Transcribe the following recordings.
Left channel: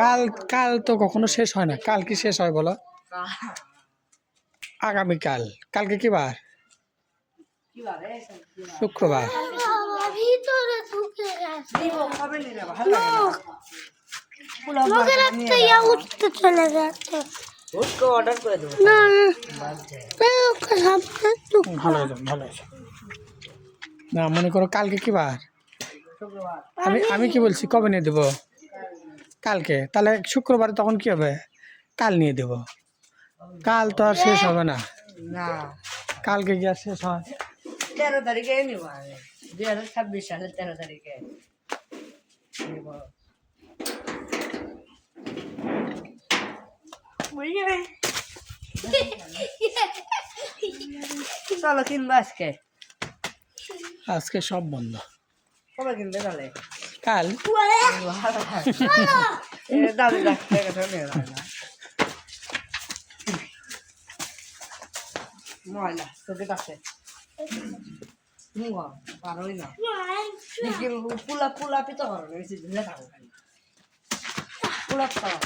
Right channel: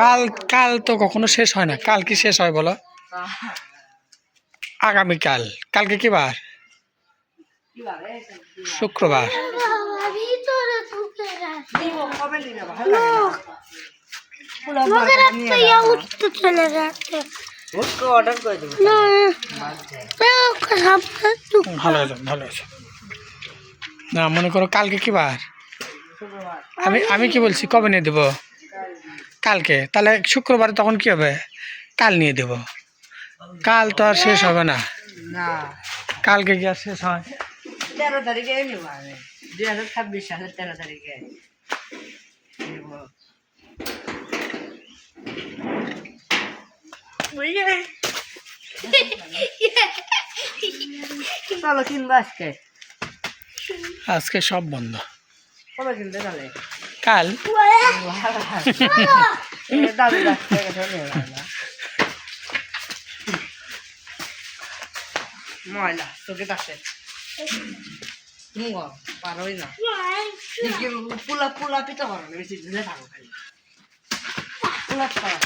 কাল কাল তো কখনো শেষ হয় না, কাল কি শেষ হয় বলো? আগামীকাল। কালকে কি বার? শুক্রবার। ভালো হলো, ভালো হলো। না মনে করো কালকে কি বার? আমি কি বলছি, কবে নিয়ে দেবো? কালকে। তাহলে শুক্রবারে তখন কি হবে? কাল নিয়ে দেব। কাল তো আর শেষ হবে না। কালকে কি আর শেষ হয়? 13 তারিখে নেব আমি, 2026 সালের 13 তারিখে নেব। চলো কিনবো আজকে। আজকে সব বন্ধ। কবে কিনতে চলে? কাল। দাদু ডাকতে ময়লা তোকে ডাকতে পারোই না। পুলা পুলা পিতা করো না, বেশি ঝুলে থাকো খালি পুলা খাওয়া।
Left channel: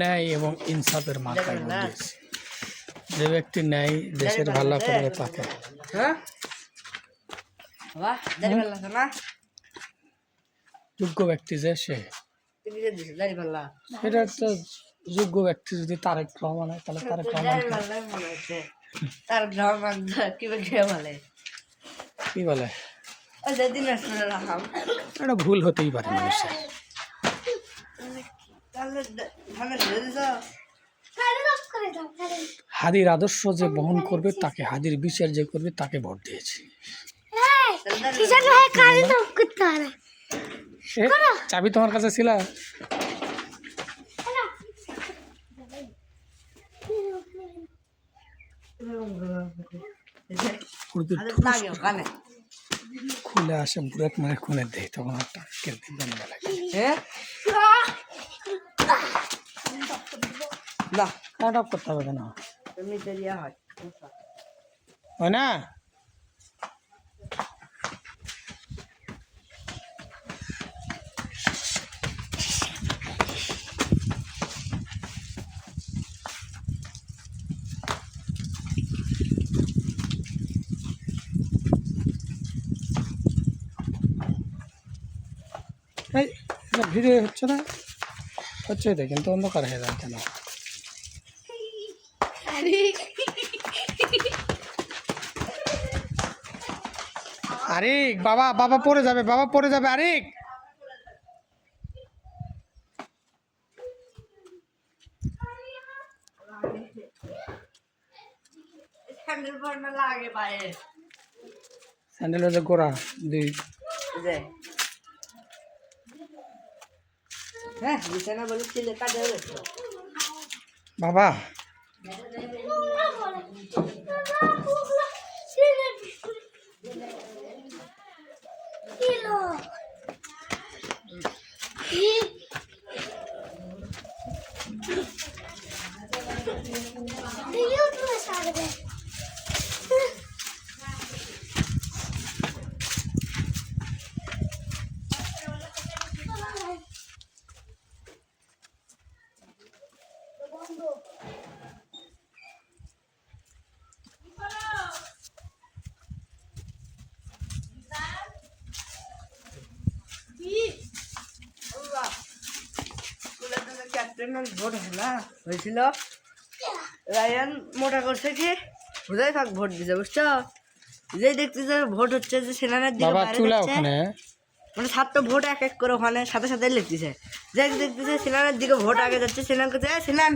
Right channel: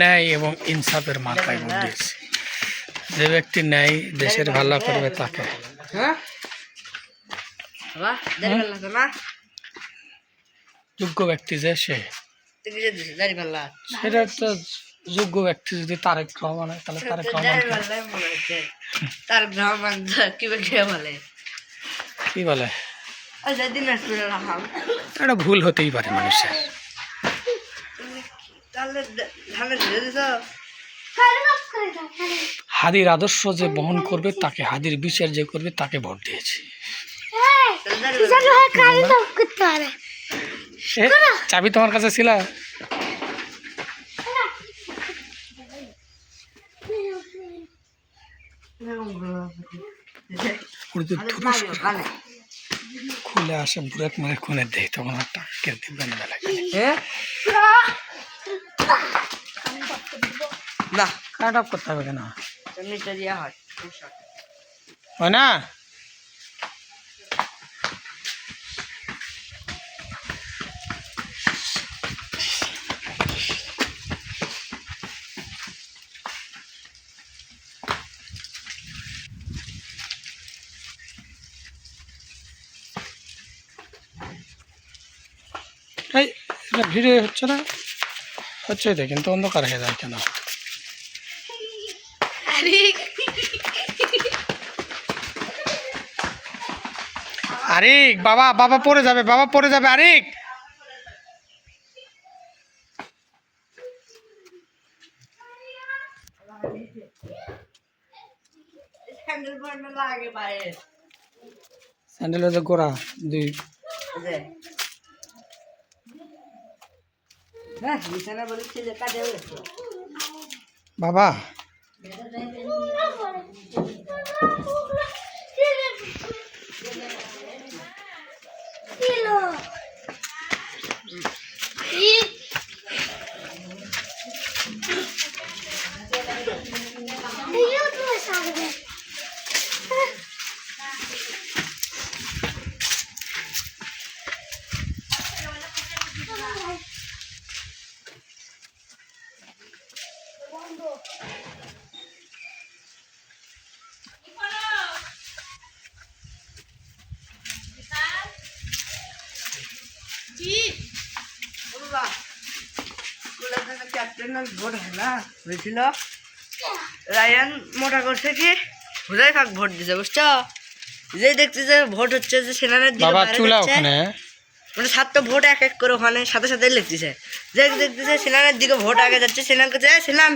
ন্যায় এবং ইনসাফের মাথায় ভোট দিয়েছে। যে ব্যক্তি ন্যায় দেশের ভালো করবে তাকে। যোগ্য ব্যক্তি যে সেটা তো যোগ্য ব্যক্তি যদি তারেক রহমান হয় তাহলে তারেক রহমান কি বলে, এটা ভুল হতেই পারে মানুষের। হাদির আদর্শ যে বহন করবে তাকে, হাদির বিচার যে করবে তাকে ভোট দিয়েছি। চাবি তোমার কাছে ছিল? খুলে আসে বুড়াত মানে খুনে দেয়, তখন আর টাকা কেটে দিবেন বেলা না কাট অফ করতে হবে কেন? হয় না? এই ভিডিও হচ্ছে না? হচ্ছে তো, কিন্তু অন্ধকার হয়ে যায় কেন? আরিক বাবা, বাবা পড়ে যাবে, বাবা পড়ে যাবে। আরিক স্যান্ডেল হচ্ছে গোড়া দুই। বাবা ভোট হয়েছিল, রায়ান মোটা করছে কি হুদাই ফাঁক ভোট দিছে, বুঝছো? যে দেখতেছে ভোট হচ্ছে যে সেনানের দিকে মানে 7টা ভোট এক এক করে ওখানে সাথে সাথে লিখতেছে। যে দেখতেছে সেনানের দিকে ভোট আগে যাচ্ছে, সেনান কাছে সেনান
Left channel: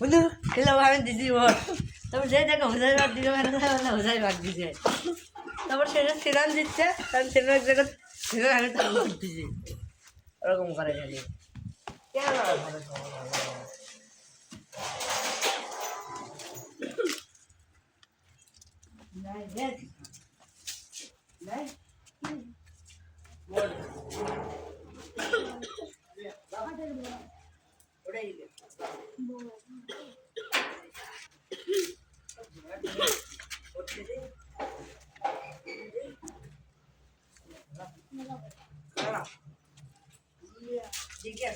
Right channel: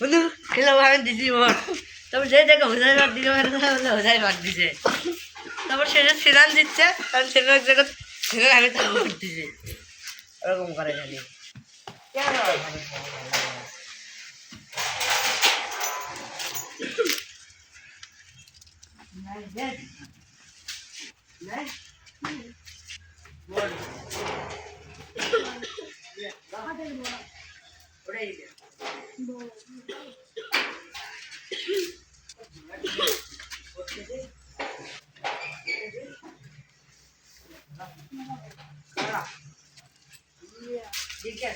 বন্ধু খেলাবো আমি দিদি ভোট। তারপর যে দেখে হুদাই ভাট দিকে হুদাই ভাট দিছে। তারপর সেনান দিচ্ছে, কারণ সেনার জায়গা সেনার আগে তার ভোট দিছে। ওরকম করে খালি नहीं बोल उड़े ही गया ठीक है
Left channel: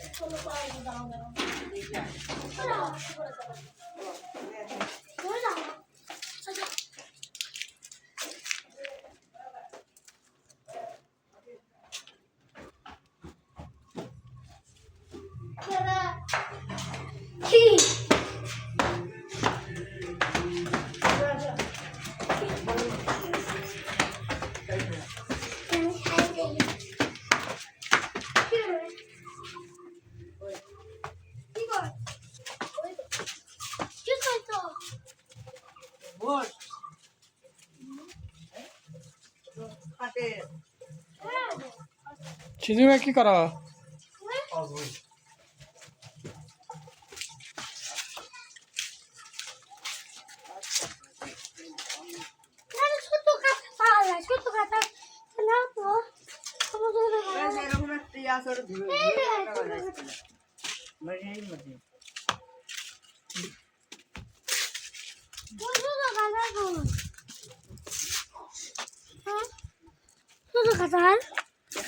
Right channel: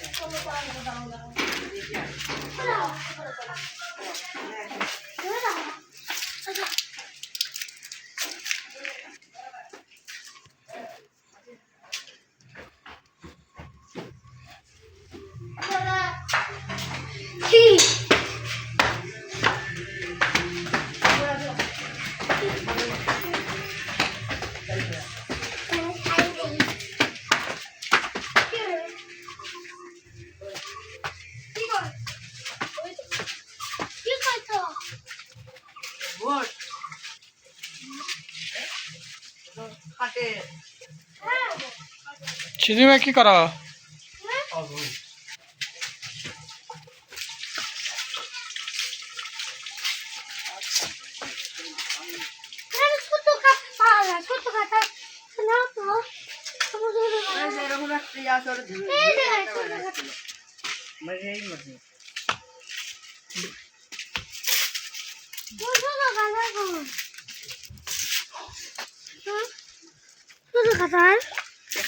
बोल खाते চিনি কি কর এরকম একটা ইয়া করে ধরে মানে এই মধ্যে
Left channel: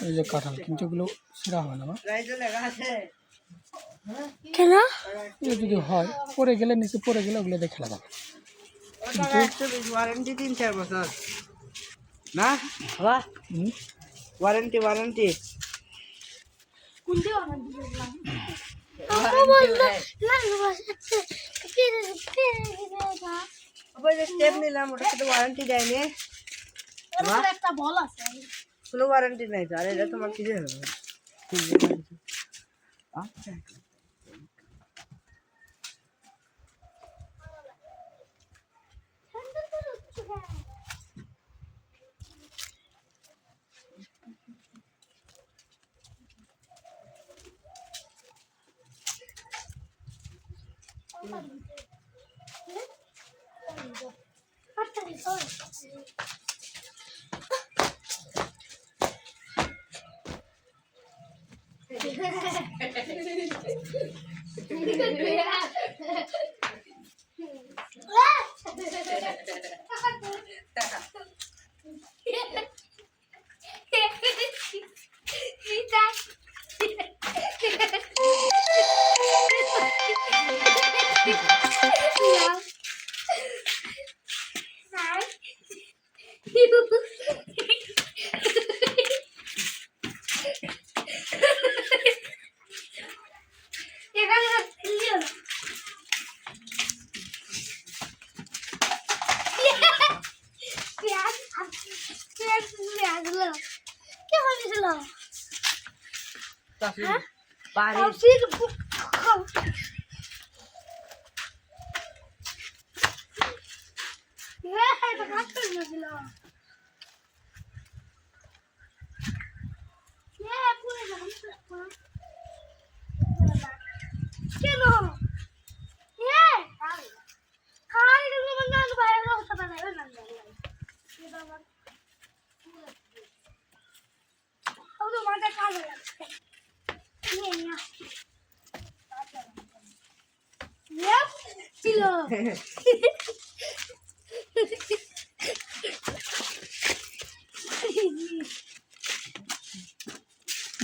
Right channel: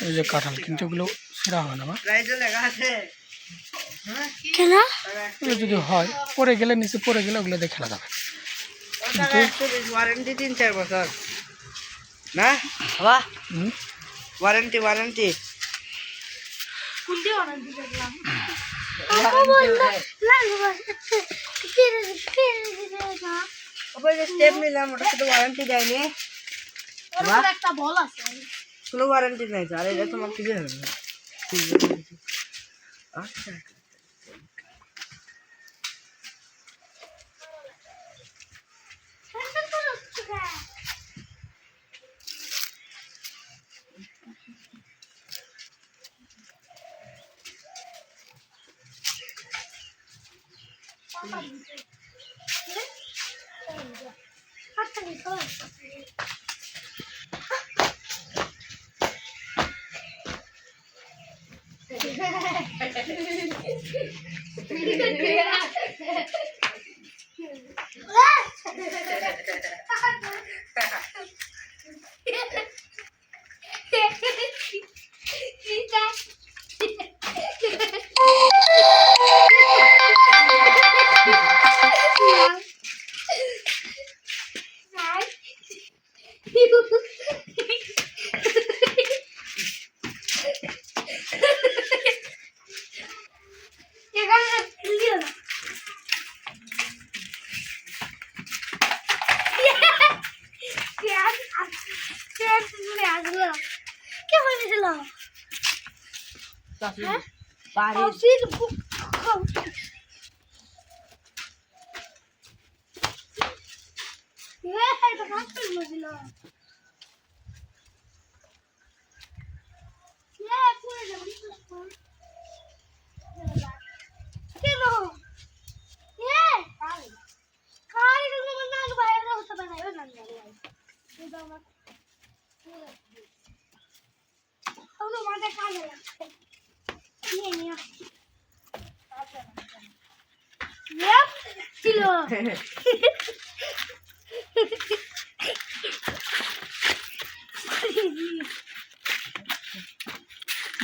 ওই যে কাঁঠাল কিন্তু ওগুলো সেরা হয় না মা প্রাইজ লেখা আছে হ্যাঁ ওগুলো যদি হয় পড়ে গেলে নিচে পড়ে গেলে ওগুলো দিয়ে খেলা যাবে ওটা একটু ওয়ারেন্টি 3-4 বছর না বাবা হুম। ওয়ারেন্টি স্টেপ নিলাম ওটা তো ওয়ারেন্টি দেয়নি কোনো ওয়ারেন্টি নাই স্যার এটা তোমার কি হবে আচ্ছা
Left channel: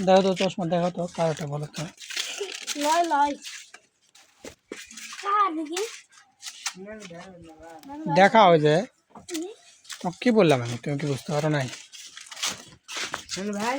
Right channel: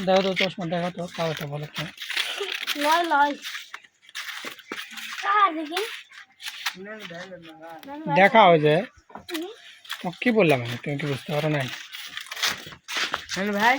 দেখো তো চশমা দেখো তো পাওয়াটা বলো তো দেখা হয়ে যায় কি বললাম আমি তুমি কি বুঝতে পারো নাই ভাই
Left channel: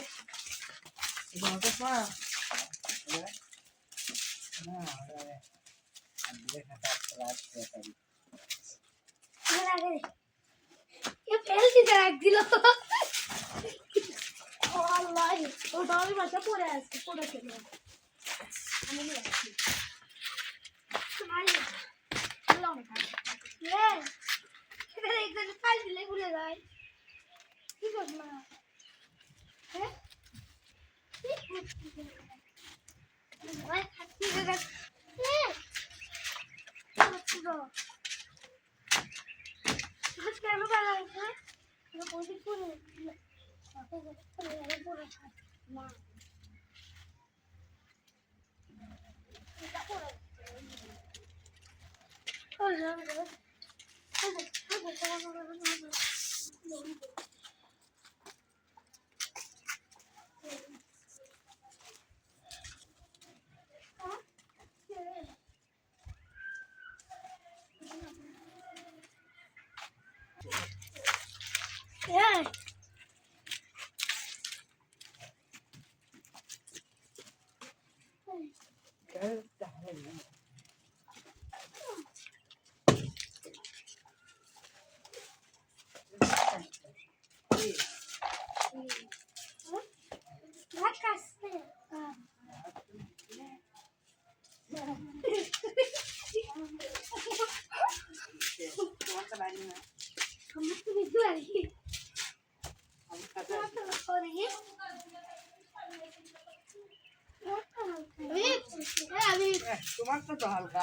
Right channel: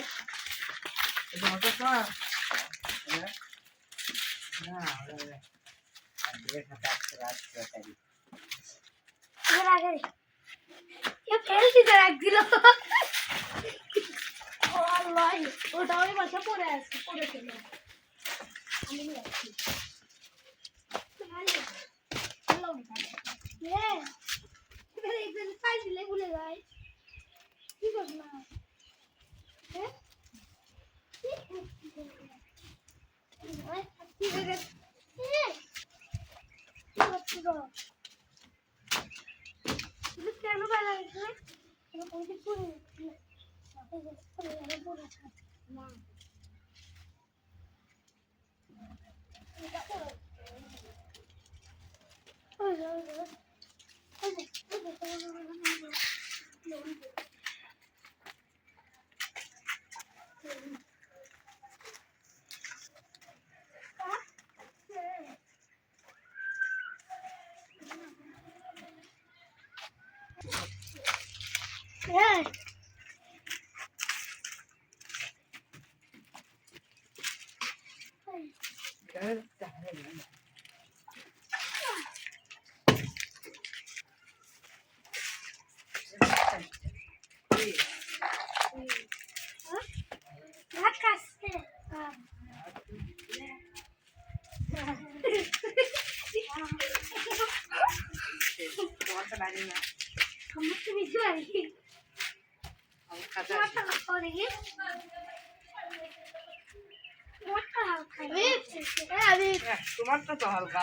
তোমার তো হালকা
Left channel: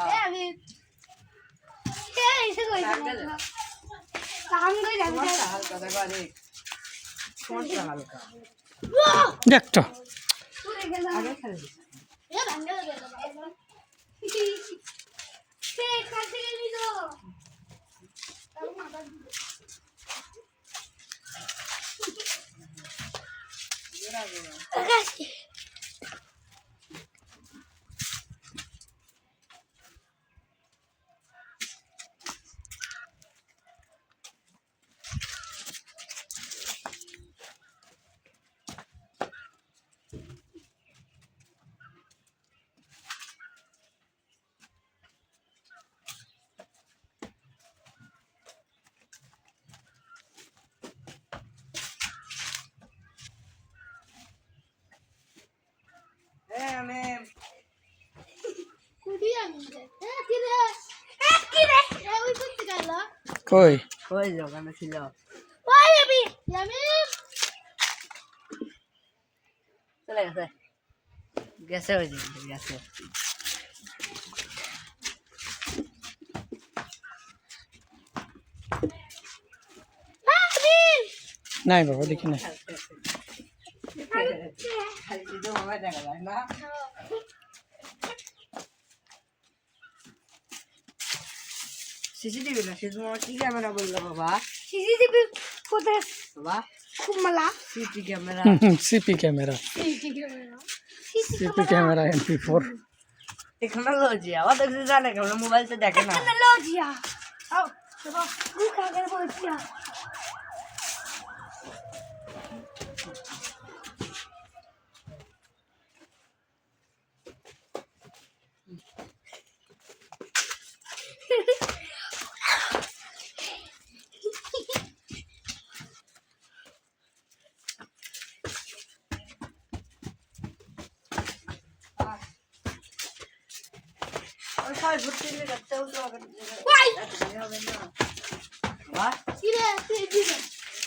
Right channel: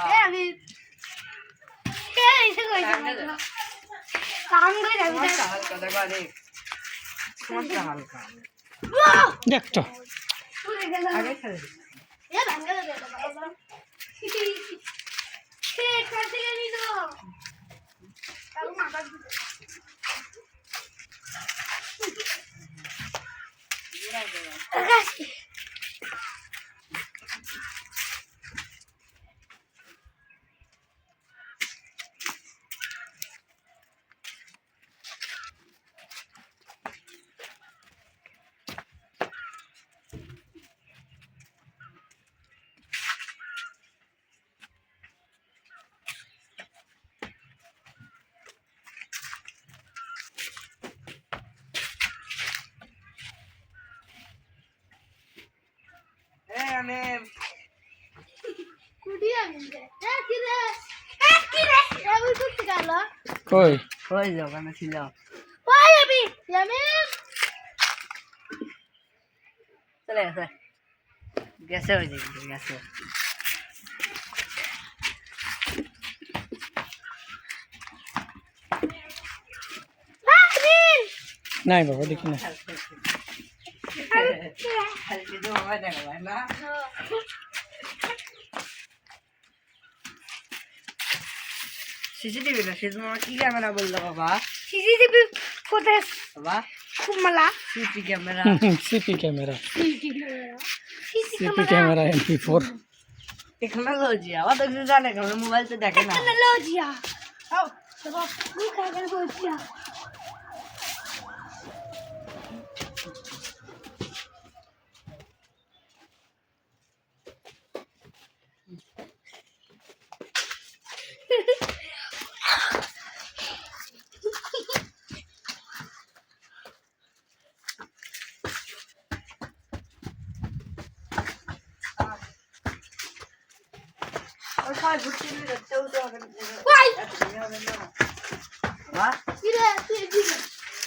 হালকা দেখো হালকা দেখতো আগে খেলে কই কই দোকানে ছিল চলে গেছে গেছে ওই দিকে গেছে নাই বাবা দেখি না সিসিটিভি না তোমার কি ক্যামেরা বললো বাবা সিসিটিভি কোথায় বাবা কুমলা CC camera CP camera CC CP camera MP4 technology আবার দেখছি জানে কেন মোবাইল তো দেখে না টেকনোলজিয়া ও বাবা মুখ আগে বলছিয়া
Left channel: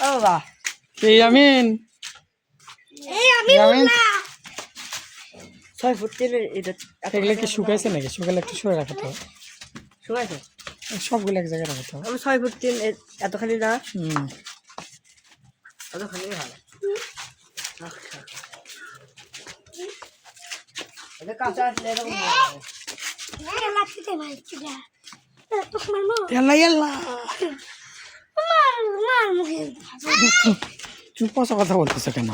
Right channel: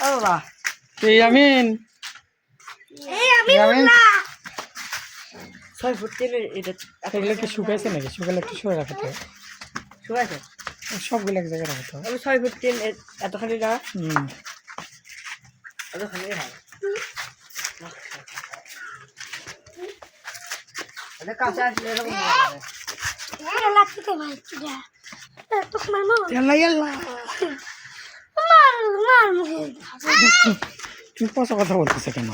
ও বাবা এই আমিন আমি বললা 6 ফুট তেলে এটা এগুলো কি শুকাইছে নাকি শুকালে একটু শুয়ে রাখতে হবে শুকাইছে সবগুলো এক জায়গায় রাখতে হবে আমি 6 ফুট তেল এতখানি না হুম এতখানি হয় এটা কাঁচা আসলে এরকম এলা থেকে ভাই যা তো মারমো ইয়াল্লা ইয়াল্লা মার মুখে তুমি পচা কথা বলতেছো কেন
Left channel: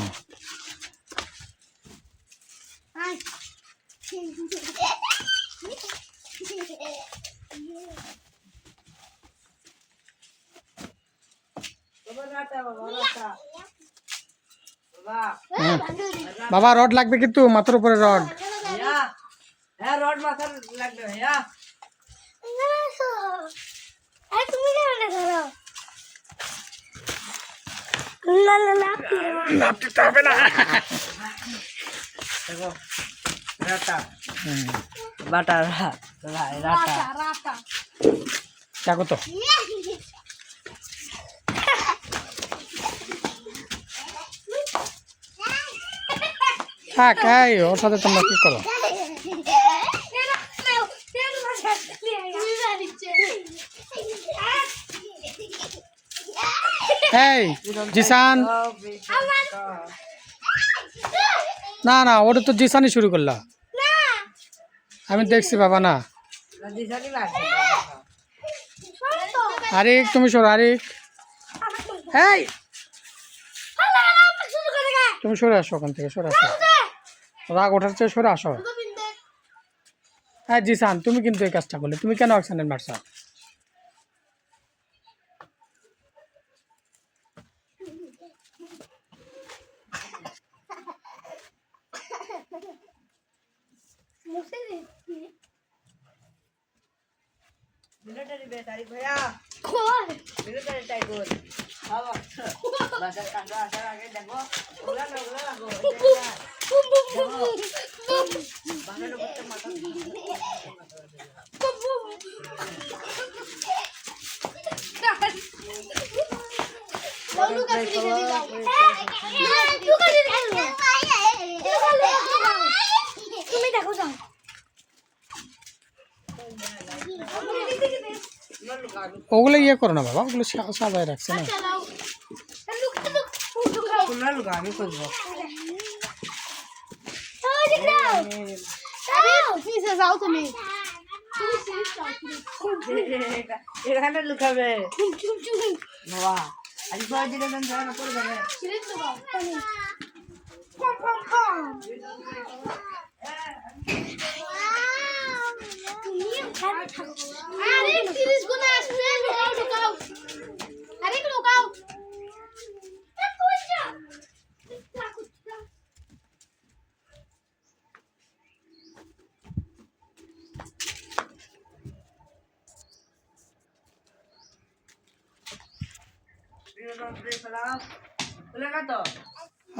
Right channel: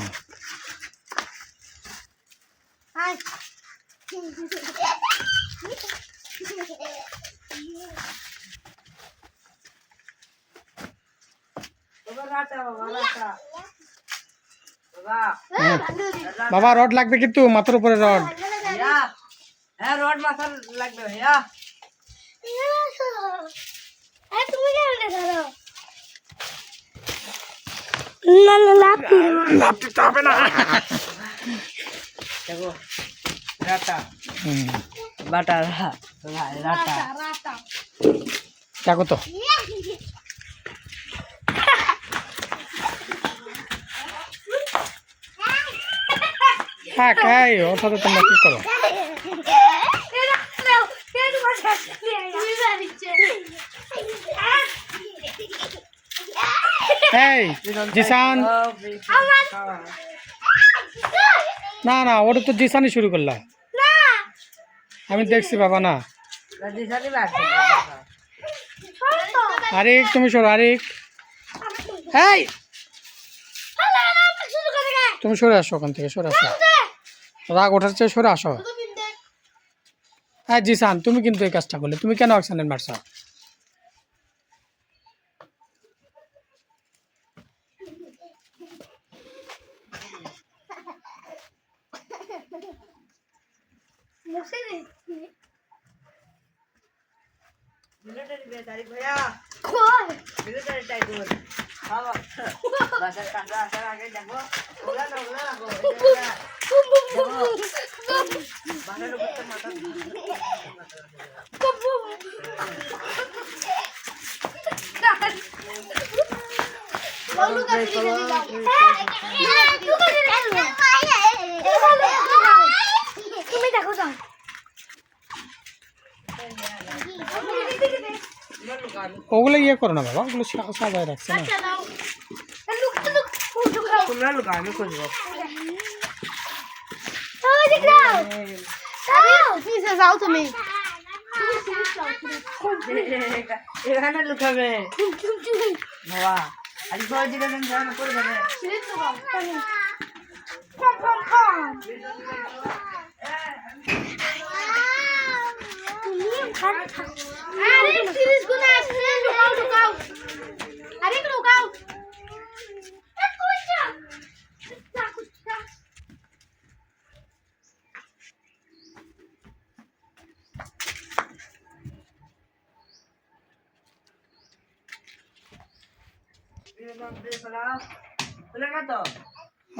আই বাবা রাটা বাবা রাটা বাবা বাবা রড লাগবে কিন্তু মাথার উপরে রড ভাইয়া হ্যাঁ রড মাথা লাগবে ভাইয়া তুমি কেমন ধরো না না লাপি লাফতে হবে না দেখো রাটা হুম বাটা রাটা রাতা দেখো তো হ্যাঁ কাই ওর সাথে তোমরা কি করো এই জিসান, না না ওটা তো জিসানই শুরু করলা, আমি দেখছি বাবা না। আরেক তুমি সরো, আরেক এই তুমি সরে আসো ওখান থেকে, সরে আসো, রাগ ওঠার চেয়ে সরে আসো। হ্যাঁ জিসান, তুমি কিন্তু এই কাজটা করলে, তুমি কেন অ্যাক্সিডেন্ট মারছ? তুমি দেখো যাও ওগুলো ইয়ে করো না বাবা, ওগুলো সাজায় রাখছে না। তোমরা লুকা, আমি খুঁজবো। যাও তুমি এখানে লুকাবে বাবা, আজ ভয় দিলে জানা পড়বে না।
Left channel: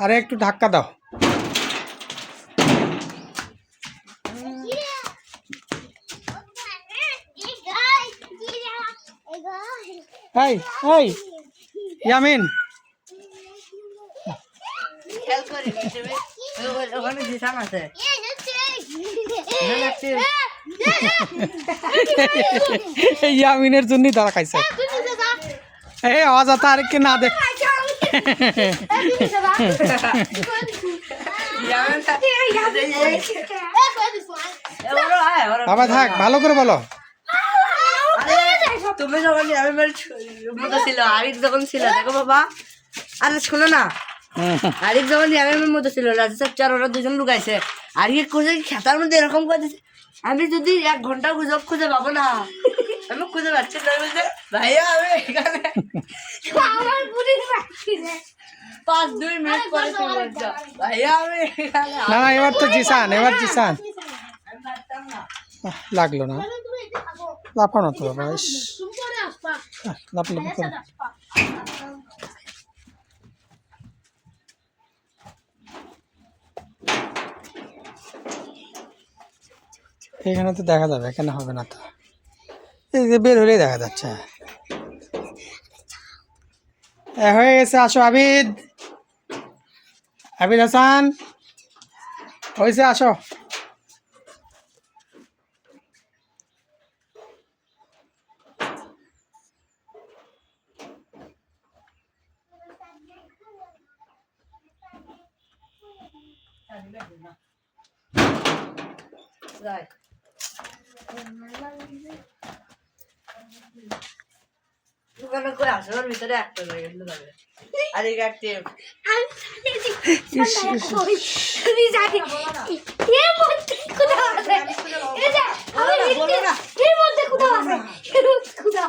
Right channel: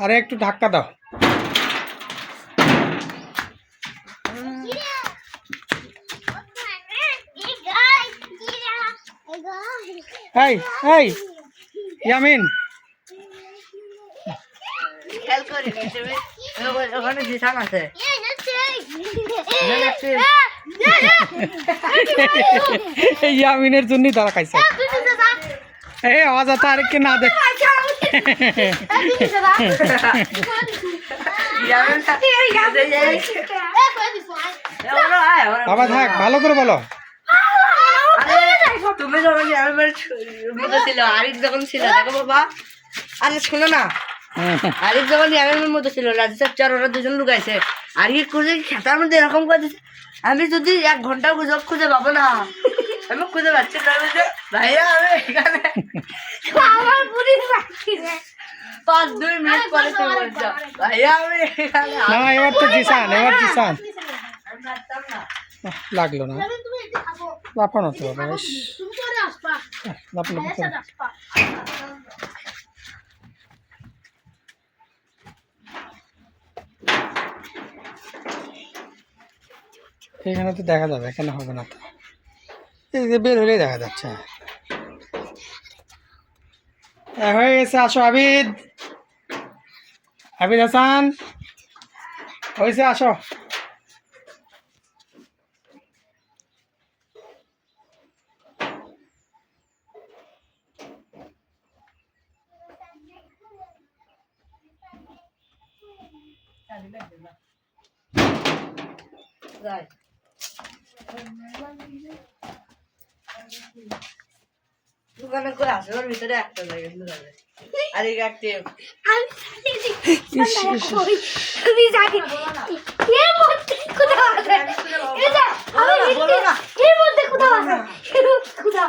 আরে একটু ধাক্কা দাও। এই এই ইয়ামিন, খেয়াল করি ওখানে জিসান আছে। ইয়ামিনের জন্যই ধরা খাইছে। এই অযথা আরেককে না দেখ। বাবা থাক, ভালো করে বলো। তুমি যখন ছিল, আরিফ যখন ছিল, দেখো বাবা, আরে শোনো না, আরিফ যখন ইয়ামের মতো ছিল, রাজেশ চার ওরা দুজন লুকাইছে, আরিফ খুঁজে খেতার মধ্যে এরকম করে দিচ্ছে। আমি যদি 1 ঘন্টা গুজব খুঁজে পাবো না, আমি খুঁজে পাচ্ছি তার মধ্যে ভাইয়া আমি এখানে আমার বুড়ি বাকি রে 5-2 মিনিট পরে চলে বলছো ভাইয়া আমি এখানে। না না, এবার তো জিসান, এবার জিসান। আমি পারতাম না। লাগলো না, তুমি এদিকে থাকো লাফানো তো বাবা, তুমি চলে আসবা লাফানো তো। আসবা এখানে তো দেখা যাবে, এখানে হবে না তো, এই যে বের হলেই দেখা যাচ্ছে। হয়ে গেছে, আসো আবিদ, আবিদ হাসান হয়েছে, আসো। যাই দোকানে করে আসে, ওর ভিতরে একটা জায়গা লুকাবে। আর এই একটা তুমি জানি এর মধ্যে কোথাও আছে এই যে এর মধ্যে কোথাও আছে, এর মধ্যে কোথাও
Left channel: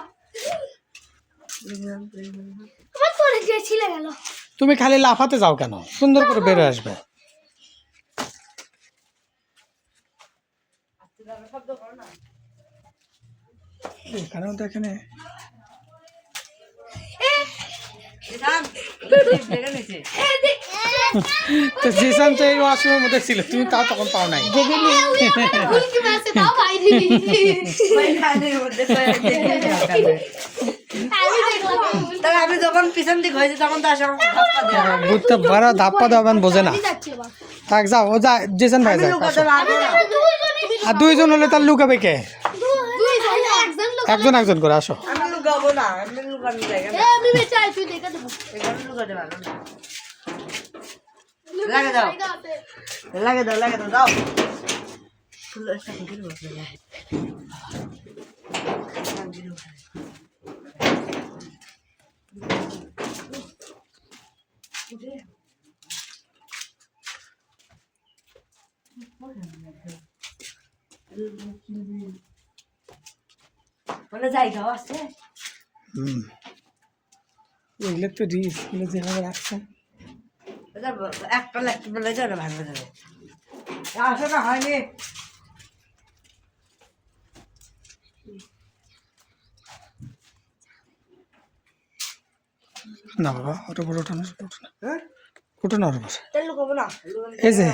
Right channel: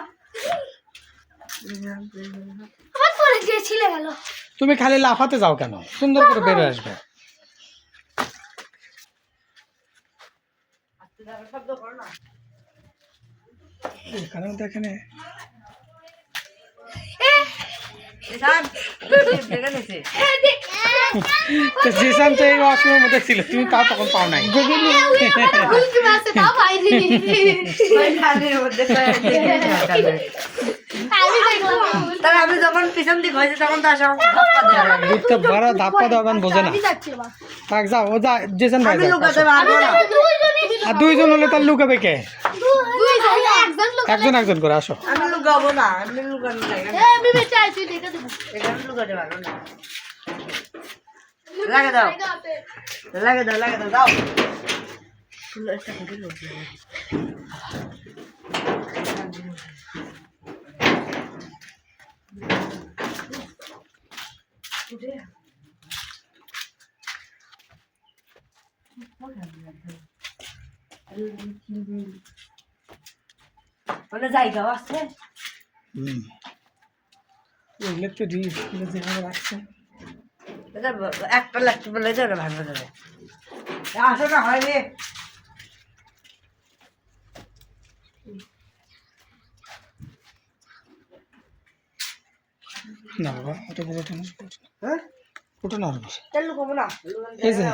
আমার পরে যে ছিলে গেল। তুমি খালি লাফাতে যাও কেন, সুন্দর করে বের হয়ে আসবে। শব্দ করো না। এখানেও দেখেনে তো জিসান তো এই ওয়াশরুমের মধ্যে ছিল, তুমি তাও তখন পাও নাই। আমি যখন পিছন দিক হয়েছে তখন তো আসা বুঝতে পারো, ধাপ্পা দেওয়ান বোঝে না। থাক যাও, ও যা, জিসান ভাই যাও। আর 2 জন হলে তার লুকাবে কে? একজন একজন করে আসো। লুকাবো না, এমনি লুকানো জায়গা এ আমি চাই তুই দেখে দেবো এখানে লুকাতে পারবো না। লাগে দাও, লাগে দাও, লাগে দাও, দাও। ফুল একটা কুটির বসে যায়। মানে জায়গাও আছে। এগুলো তো রিস্ক, এগুলো যেভাবে রাখছে। একটা লাগতে বলে তো ওটা ভাঙবে যাবে। আসো না, হয়নি। না বাবা, ওটা বড় ওটা না, হ্যাঁ, ওটা না ওটা বসে। তাহলে লুকাবো না, এই যে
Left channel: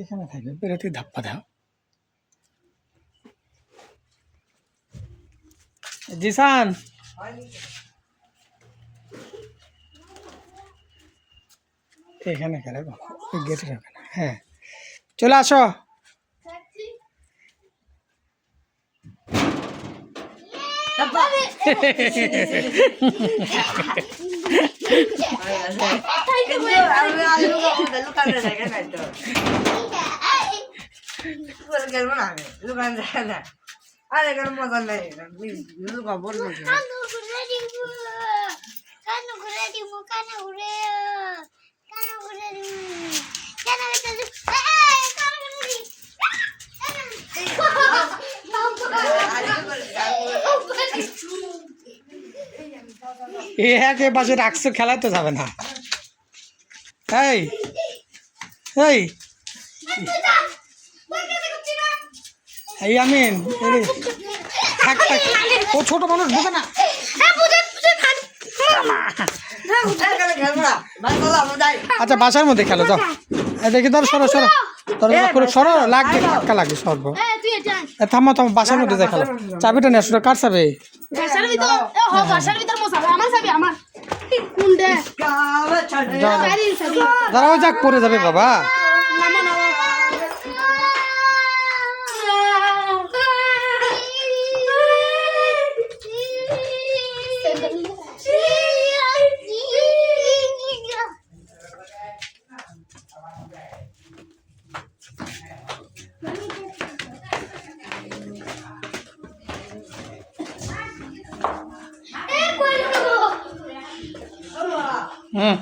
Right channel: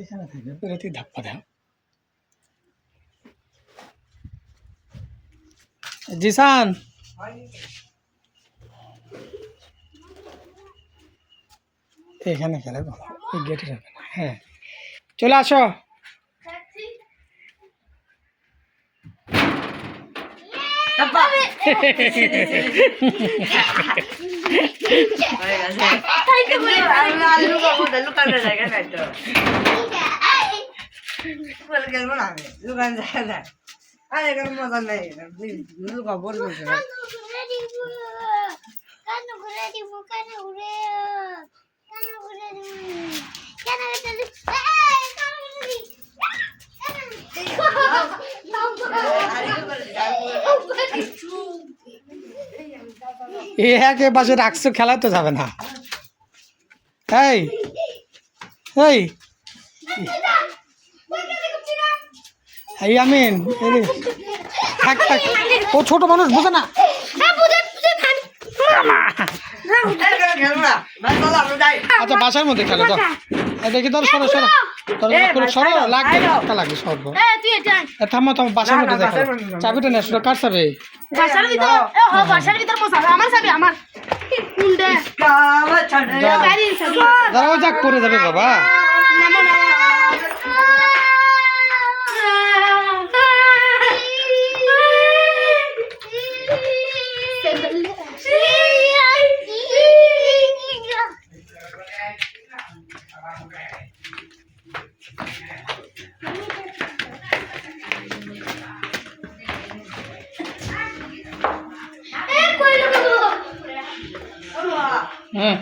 এখানে থাকবে, বেরোতে ধাপ্পা দাও। জিসান, এখানে খেলে বাবা, এই গেটের ওখানে। হ্যাঁ, চলে আসো। লুকানো জায়গা নাই তো, খেলবো না আমি, লুকানো জায়গা নাই। আর এখানে মজা নেই, লুকাবো না। কানে ঘুরে দিব কানে ঘুরে দিব কানে ঘুরে দিব কানে ঘুরে দিব একে পাশে রাখছো, খেলায় তো যাবে না। এই এই এই আমিন, থাক থাক, ও ছোট মানুষ বুঝে না। আচ্ছা, বাসার মধ্যে খেলো যাও। দেখি ধর, সরো সরো, সরো, লাগবে ধাক্কা লাগবে, সরবো। থামো থামো, বাসার মধ্যে দেখো। চাবিটা নিয়ে আসো, কার চাবি? বাসার ভিতর বাসার ভিতর মশা আমার চাবি আমার কুন্ডে দাঁড়াও, যাক পড়ে যাবে বাবা। হুম,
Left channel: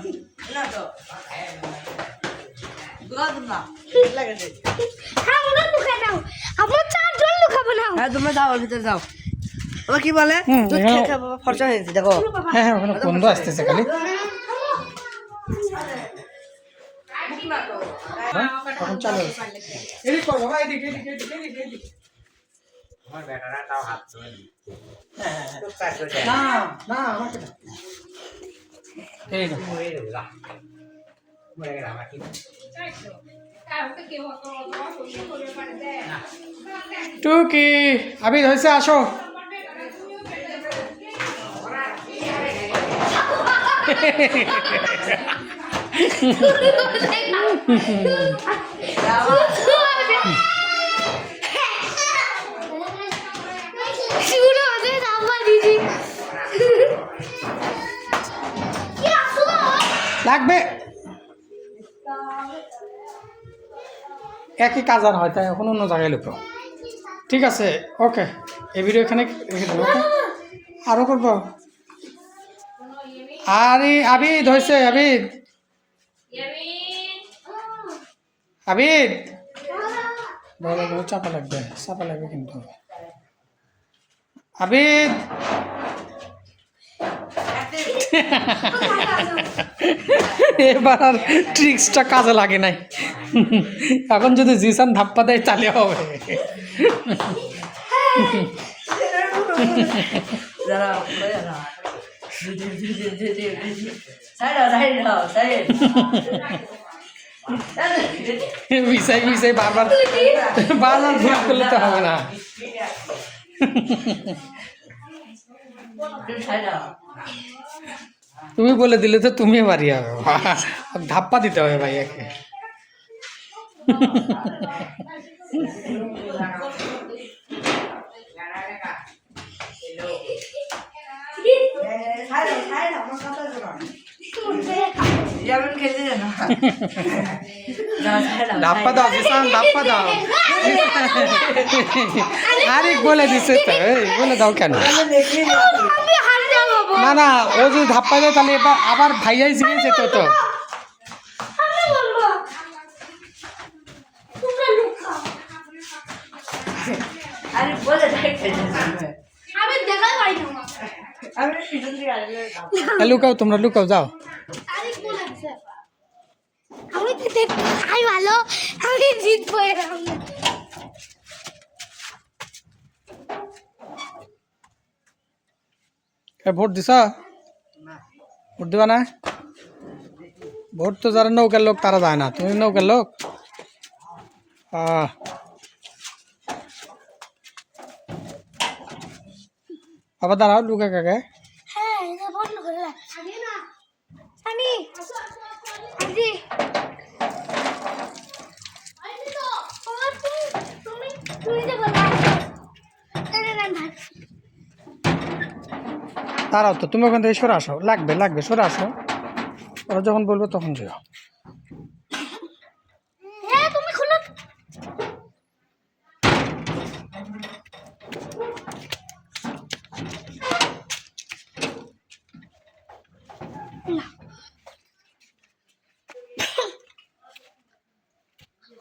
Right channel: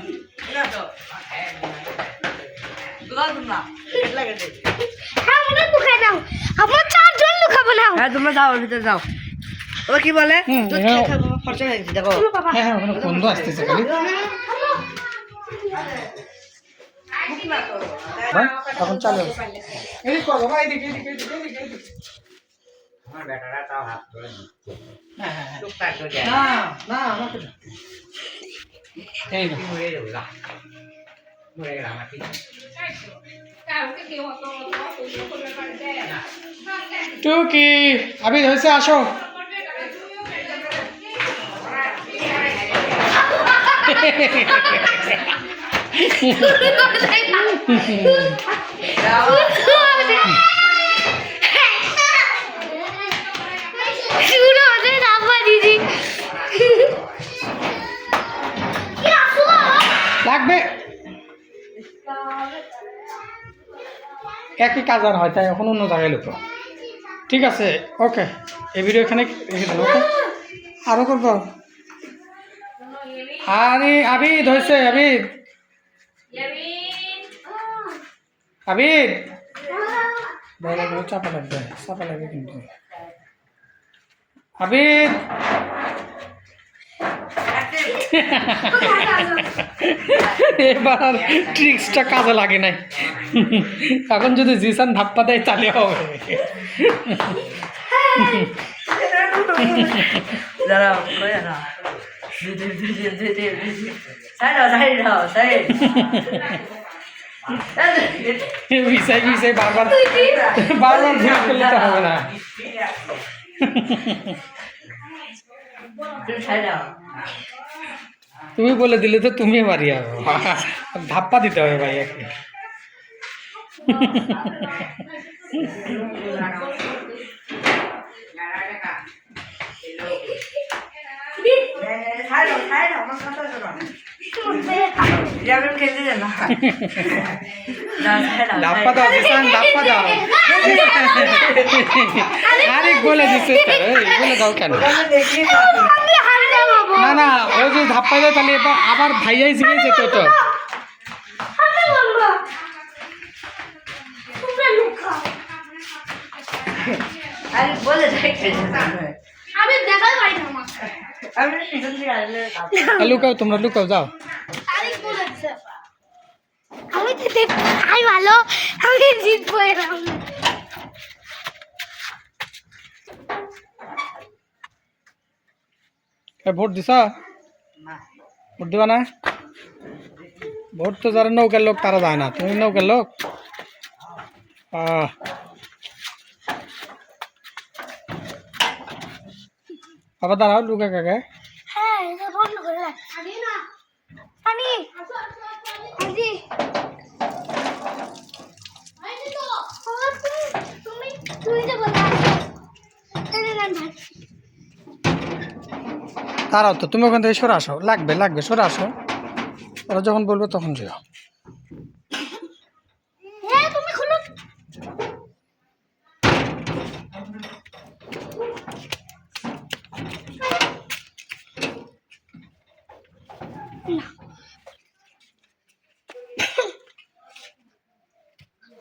তোমরা যাও, ভিতরে যাও। ও কি বলে, খরচা হয়ে গেছে দেখো। হ্যাঁ হ্যাঁ, ওখানে বন্ধ আসতেছে খালি। এখন চালু, এদিক কর বাবা, এদিক এদিক এদিক এদিক এদিক। না না, আমাকে দাও। এই না, টুকি আবি হয়েছে, আসো। লাগবে একই কাজ আর হয়, তাই এখন অন্য জায়গায় লুকো। ঠিক আছে, ওকে, এই ভিডিও এখানে রেখে দেবো। ওকে, আরও করবো। আরে আবিদ হয়েছে, আবিদ আবিদ, চাপা লাগবে, চাপা লাগবে কিন্তু। আবিদ, এবার আর ট্রিক্সটা কাজে লাগে নাই। এখন যদি জিসান ধাপ্পা দেয় চালিয়ে হবে। বিষয় বিষয় বারবার বারবার ভুল করলে তো হবে না। তুমি বলে দিলে তো তুমি বাড়ি যাবে, ধাপ্পা দিতে হবে ভাইয়াকে। আমার কথা শোনো যাবেন খেলতে জানো ধাপ্পা দাও জিসান ধাপ্পা দাও আরে বলে দিছে তো, এই বলে দাও কেন? আমি হাত দেবো না না ও যদি ধাপ্পা দেয় তাহলে এবার আবার ভাইয়াই জিগে যেত তো। আমি বলবো তোমরা লুকাও আরে বলে দেখতে আমি দেখাই পাই না আমি পিছন থেকে আসলে লুকাও তোমরা লুকাও যাও। আমি তো দেখতে খাই ভালো, আমি জিতবো এরকম। ভোট দিছা? ভোট দিবা না? ভোট তো যারা নৌকার লোক তারা যায় না, তুমি নৌকার লোক। বাবা দাঁড়াও লুকা কাকে। হ্যাঁ এটা বন্ধ করে রাখ। সানি না সানি সানি তুমি তুমি যে বলে দাঁড়াও তো, তুমি ওখান থেকে সরে আসো, লাগবে লাগবে সরে আসো, ওরা যখন বলবে তখন যেও। হ্যাঁ তুমি খুলো।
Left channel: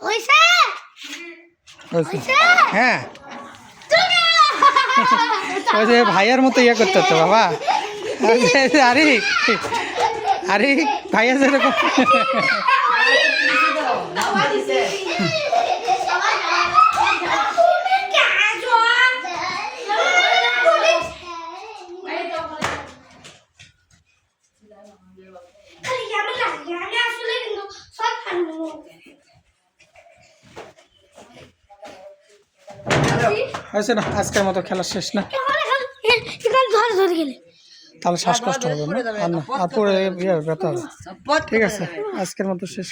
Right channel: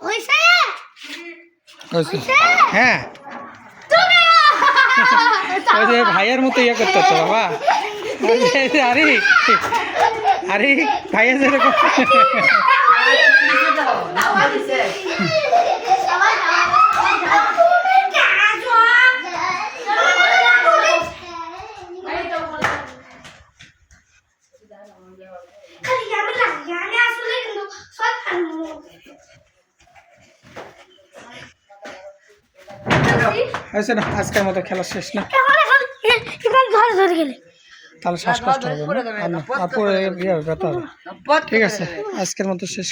হইছে হয়েছে? হ্যাঁ ওই যে ভাইয়ের মতো ইয়ে করতে তো বাবা। আরে আরে ভাইয়া যেরকম হয়েছে না? আজকের মতো খেলা শেষ না? ধরে গেলে তাহলে শ্বাসকষ্ট হবে না আর না, আর পরে ইয়ে ব্যথা হবে। ঠিক আছে আজকের মতো শেষ।